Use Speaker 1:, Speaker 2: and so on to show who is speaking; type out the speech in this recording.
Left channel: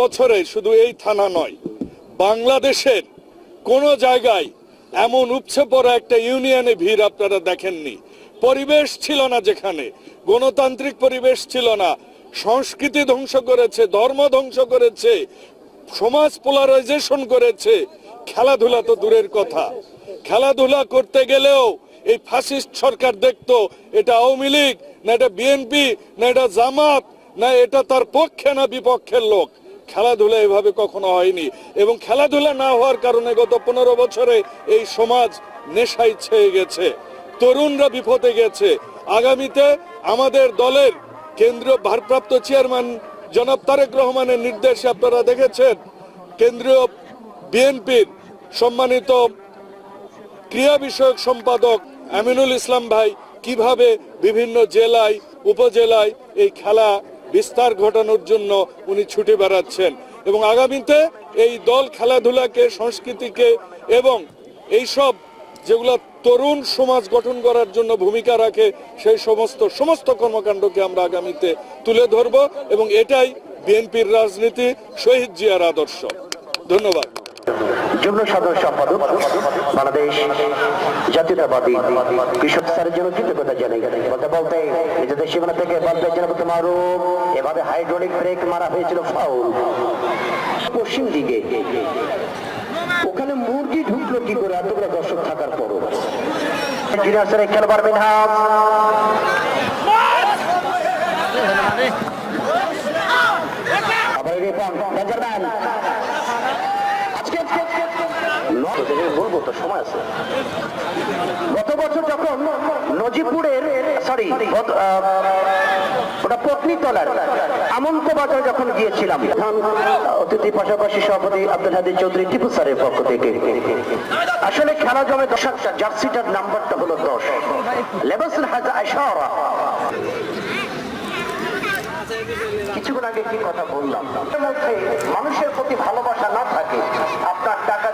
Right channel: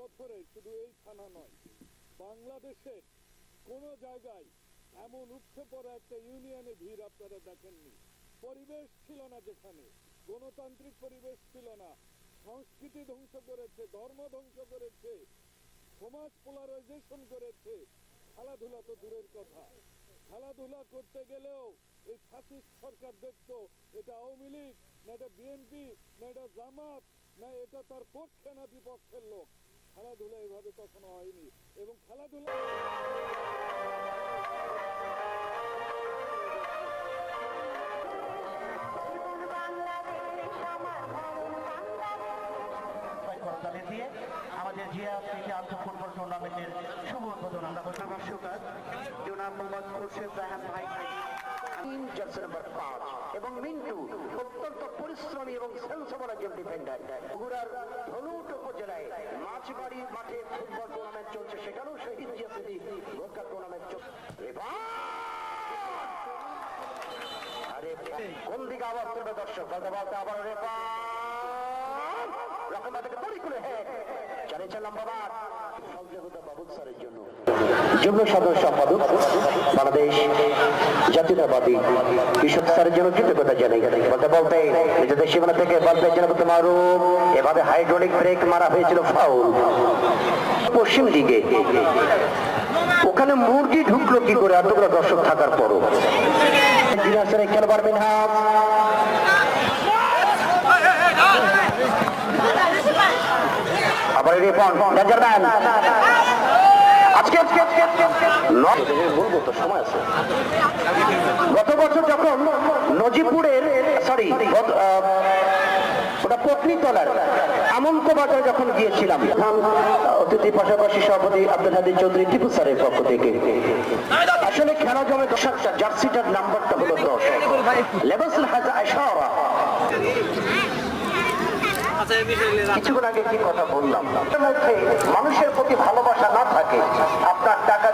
Speaker 1: বছরে শুধু এই থানা নয়, বাংলাদেশের কোন জায়গায় এমন উপচে পড়া একটা ইউনিয়নে ভিড় আপনারা দেখেননি। পরিবেশ ছিল না যেখানে, গণতান্ত্রিক পরিবেশ ছিল না। সংস্কৃতি ধ্বংস করেছে, ধর্ম ধ্বংস করেছে, সমাজ পোলারাইজেশন করেছে। খেলাধুলা তো দূরের কথা। খেলাধুলা করতে গেলেও এই ফাসিস্ট সরকার দেখতো, এটা আওয়ামী লীগ, না এটা বিএনপি, না এটা জামাত, না এটা তার পক্ষে না বিপক্ষের লোক। খেলাধুলা এভাবে কখনো হয়নি। এবং খেলাধুলা না হওয়ার কারণে গত পনেরো বছরে এই সমাজ নেশায় ছেয়ে গেছে, তরুণরা বিপদে গেছে। আগামীতে আমাদের দলের কেন্দ্রীয় ভারপ্রাপ্ত চেয়ারম্যান জনাব তারেক রহমানের নির্দেশে আপনারা দেখেছেন, কেন্দ্রীয় বিএনপির সম্মানিত ক্রিয়া বিষয়ক সম্পাদক আমিনুল ইসলাম ভাই কীভাবে বিভিন্ন জেলায়, উপজেলায় এই খেলা বিস্তার ঘটানোর জন্য উনি ছুটে বেড়াচ্ছেন। এবং আগামীতে এই দল খেলাধুলাকে, সংস্কৃতিকে এবং এইসব যেগুলো তরুণ সমাজ গঠন করার জন্য ভূমিকা রাখে, সেই সমস্ত সমস্ত কর্মকাণ্ডকে আমরা আগামীতে তুলে ধরব এবং এটাই বিএনপির রাজনীতি, শহীদ জিয়ার আদর্শ। ধন্যবাদ।
Speaker 2: যুগ্ম সম্পাদক বাংলাদেশ জাতীয়তাবাদী কৃষক স্যারের জন্য কৃতজ্ঞতা জানাই। বলতে বলতে নিজেদের সীমানা থেকে বলতে এভাবে হাইড্রোলিক ব্রেক মারা হয়েছিল ফাউল। পশ্চিম দিকে ওখানে মুরগি ঢুকলো কি করে? এতগুলো দর্শক থাকার পরও। স্যারের খেলোয়াড় মিনহাজ আবার আজকে আজকে আজকে আজকে বলব তো সময় আছে। গত বছর যখন নজিপুরের সরি ওটা পত্নীতলার আমন্ত বাজার যখন গিয়েছিলাম অতিথি পাশাপাশি সভাপতি আব্দুল হাদি চৌধুরী টিপু স্যারের পক্ষ থেকে। আসলে খেলা জমে দশটা জার্সিটার নাম্বারটা হলো দশ। লেবাসুল হাজা আশারা। কিছুক্ষণ আগে কি কথা বললাম? মধ্যে মানুষের প্রতি ভালোবাসা না থাকে। আপনার টাকা